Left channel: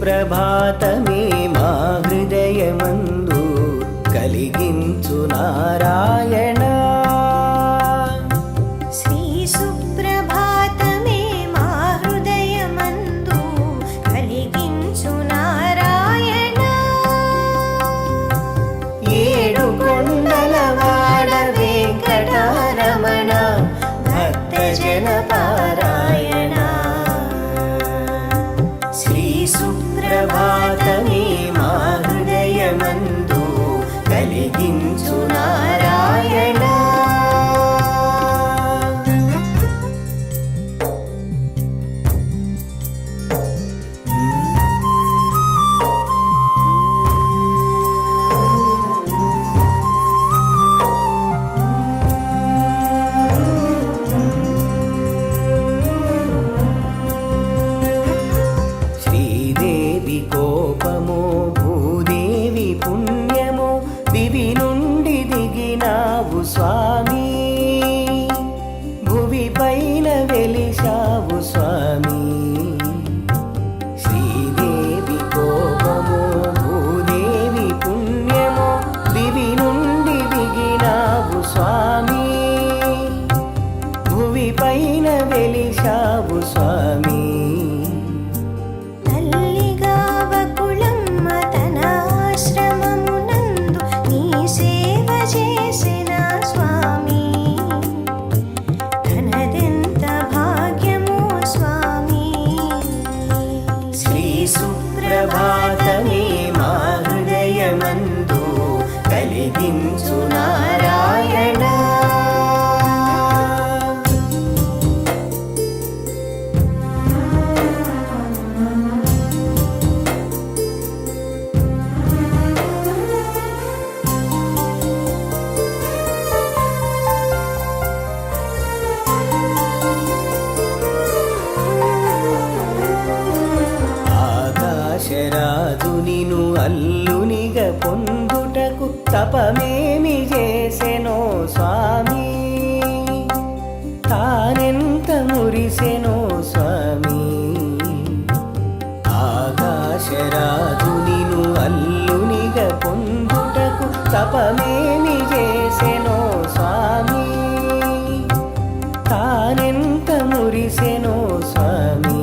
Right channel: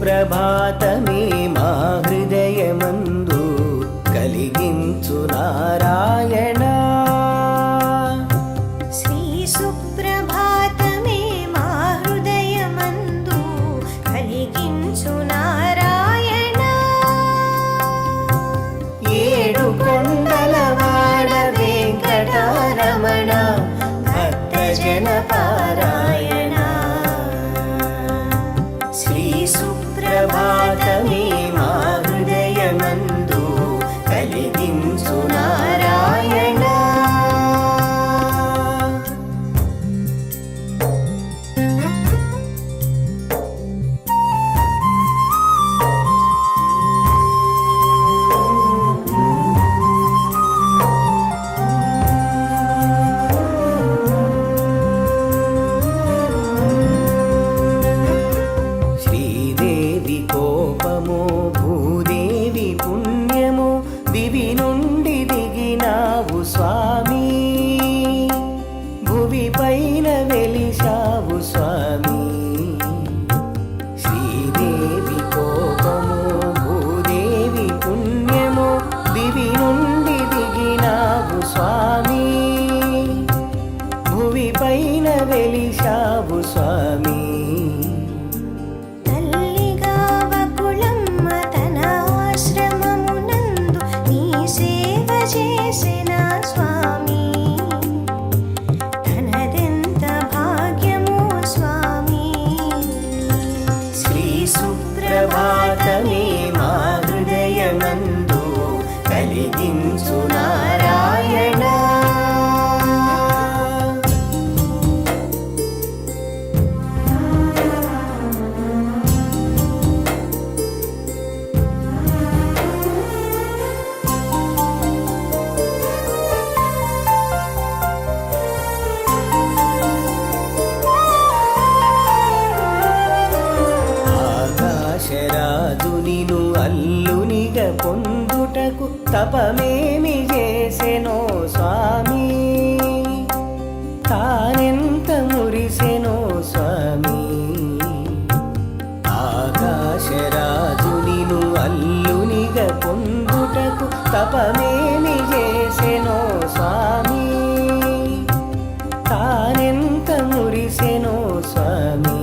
సుప్రభాతమే మా హృదయమందు కలిగించు నారాయణ. శ్రీ సుప్రభాతమే మా హృదయమందు కలిగించు నారాయణ. ఏడు కొండలవాడ వెంకటరమణ భక్తజన పారాయణ. శ్రీ సుప్రభాతమే మా హృదయమందు కలిగించు నారాయణ. శ్రీదేవి కోపమో భూదేవి పుణ్యమో దివి నుండి దిగినావు స్వామి. భువి పైన వెలిశావు స్వామి. శ్రీదేవి కోపమో భూదేవి పుణ్యమో దివి నుండి దిగినావు స్వామి. భువి పైన వెలిశావు స్వామి. తల్లిగా వకుళమ్మ తన ఆశ్రమమునందు నీ సేవ చేసిన స్వామి. తనదెంత భాగ్యమో స్వామి. శ్రీ సుప్రభాతమే మా హృదయమందు కలిగించు నారాయణ. ఆకాశరాజు నిను అల్లునిగా పొందుటకు తపమేమి చేసెనో స్వామి. తానెంత మురిసెనో స్వామి. ఆకాశరాజు నిను అల్లునిగా పొందుటకు తపమేమి చేసెనో స్వామి. తానెంత మురిసెనో స్వామి.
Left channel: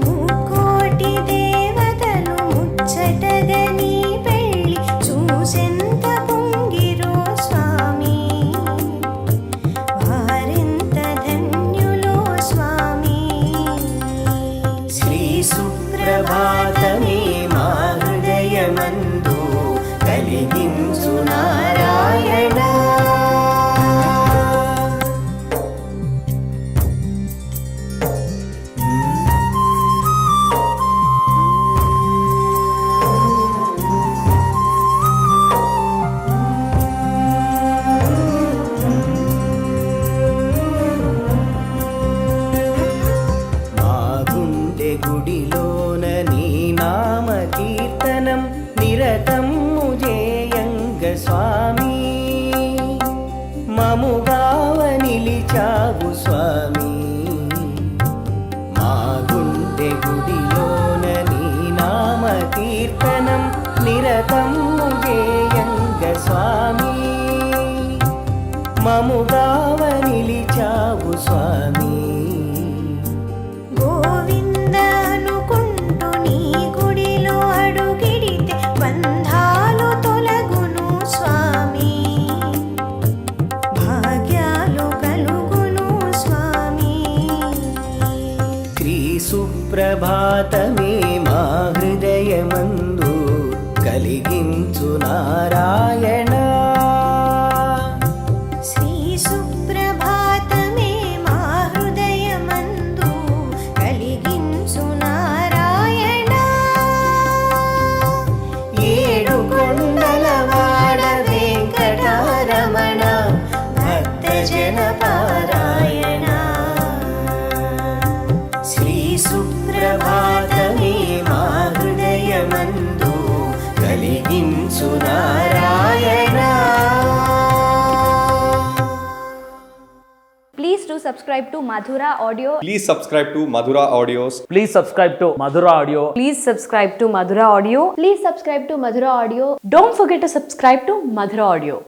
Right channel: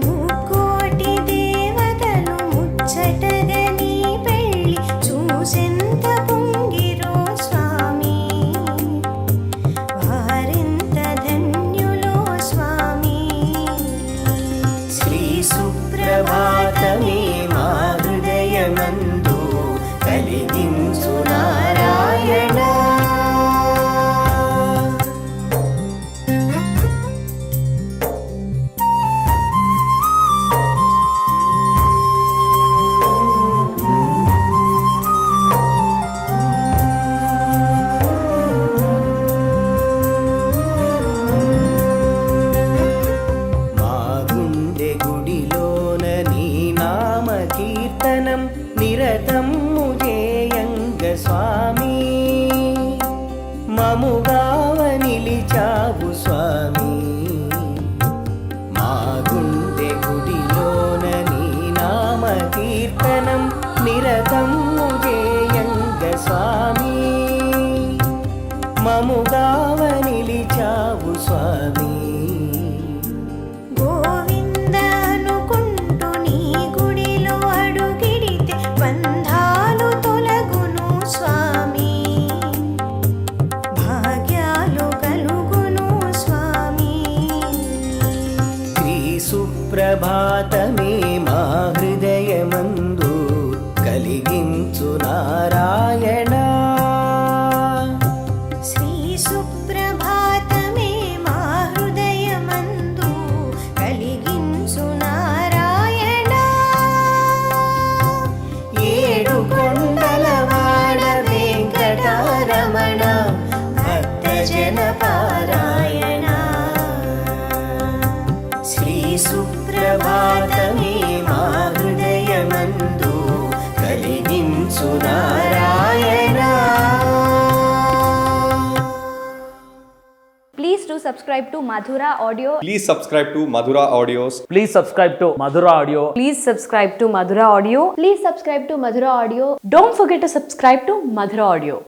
ముక్కోటి దేవతలు ముచ్చటగా నీ పెళ్ళి చూసెంత పొంగిరో స్వామి. వారెంత ధన్యులో స్వామి. శ్రీ సుప్రభాతమే మా హృదయమందు కలిగించు నారాయణ. గుడిలోన నీ నామ కీర్తనం నిరతము జేయంగ స్వామి. మముగావ నిలిచావు స్వామి. మా గుండె గుడిలోన నీ నామ కీర్తనం నిరతము జేయంగ స్వామి. మముగావ నిలిచావు స్వామి. గోవింద అనుకుంటూ నీ గుడిలో అడుగిడితే బంధాలు తొలగును స్వామి. భాగ్యాలు కలుగును స్వామి. శ్రీ సుప్రభాతమే మా హృదయమందు కలిగించు నారాయణ. శ్రీ సుప్రభాతమే మా హృదయమందు కలిగించు నారాయణ. ఏడు కొండలవాడ వెంకటరమణ భక్తజన పారాయణ. శ్రీ సుప్రభాతమే మా హృదయమందు కలిగించు Narayana. Please do do subscribe to Madhura Audio. Please subscribe to Madhura Audios. Please subscribe to Madhura Audio. Please subscribe to Madhura Audio. Please subscribe to Madhura Audio. Don't forget to subscribe to Madhura Audio.